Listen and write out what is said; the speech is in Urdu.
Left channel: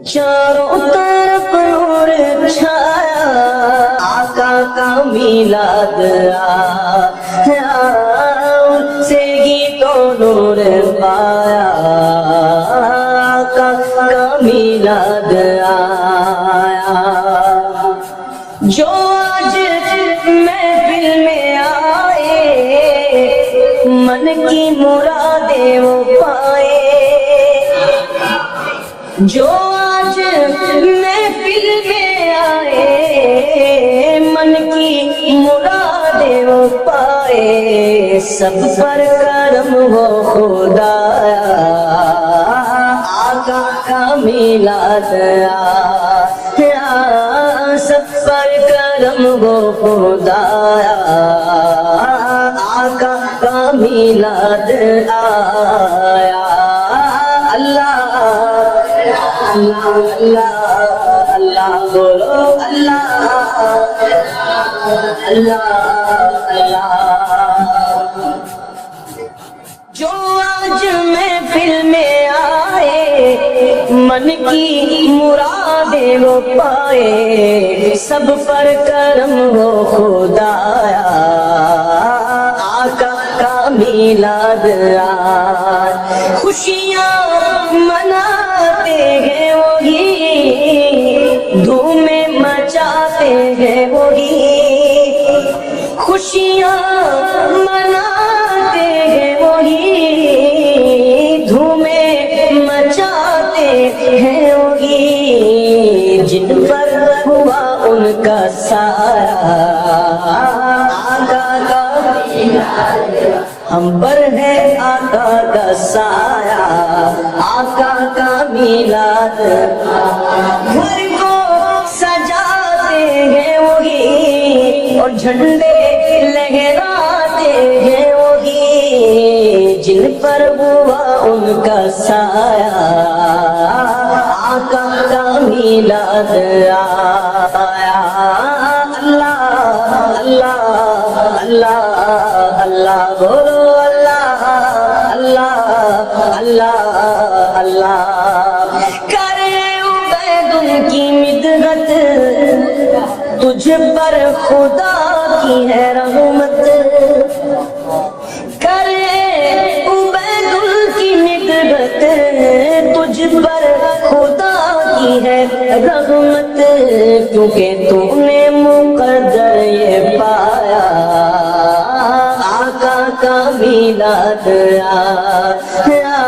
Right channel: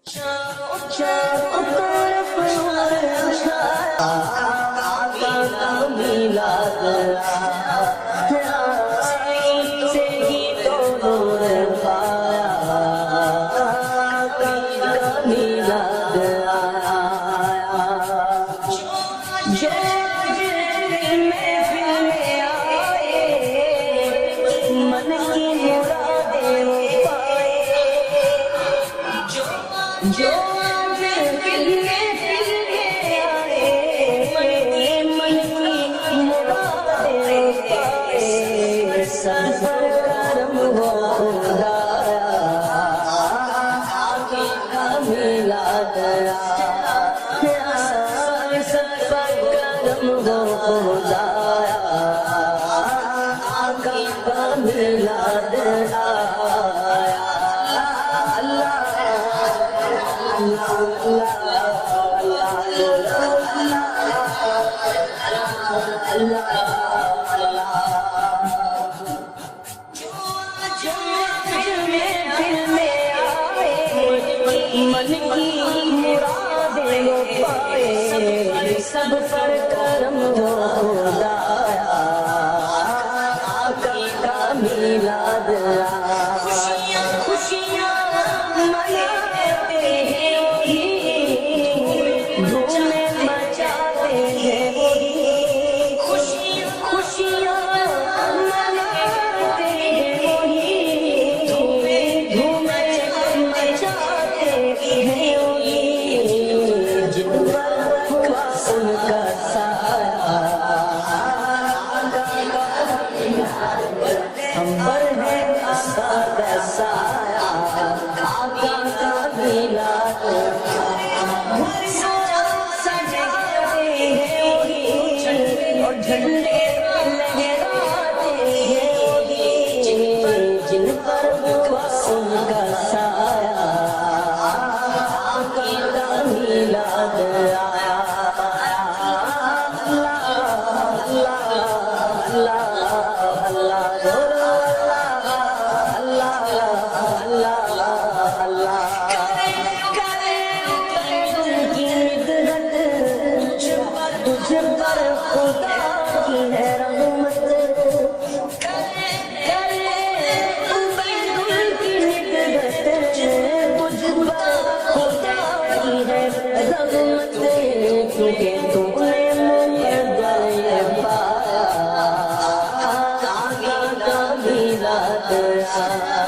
چاروں طرف نور چھایا، آقا کا میلاد آیا، سے ہی تو نور پایا، آقا کا میلاد آیا۔ جو آج محفل میں آئے، من کی مرادیں وہ پائے، جو آج محفل میں آئے، من کی مرادیں وہ پائے، سب پر کرم ہو خدایا، آقا کا میلاد آیا، سب پر کرم ہو خدایا، آقا کا میلاد آیا۔ اللہ اللہ بولو، اللہ اللہ۔ جو آج محفل میں آئے، من کی مرادیں وہ پائے، سب پر کرم ہو خدایا، آقا کا میلاد آیا۔ خوشیاں مناتے ہیں وہی، دھومیں مچاتے ہیں وہی، خوشیاں مناتے ہیں وہی، دھومیں مچاتے ہیں وہی، جن پر ہوا ان کا سایہ، آقا کا ہم پر ہے آقا کا سایہ، آقا کا میلاد، گھر کو سجاتے ہیں وہی، اور جھنڈے لہراتے ہیں وہی، جن پر ہوا ان کا سایہ، آقا کا میلاد آیا۔ اللہ اللہ اللہ اللہ بولو، اللہ اللہ اللہ اللہ۔ کرے عبید کی مدحت، تجھ پر خدا کی ہے رحمت، کرے عبید کی مدحت، تجھ پر خدا کی ہے رحمت، کیونکہ تو نے مقدر یہ پایا، آقا کا میلاد آیا۔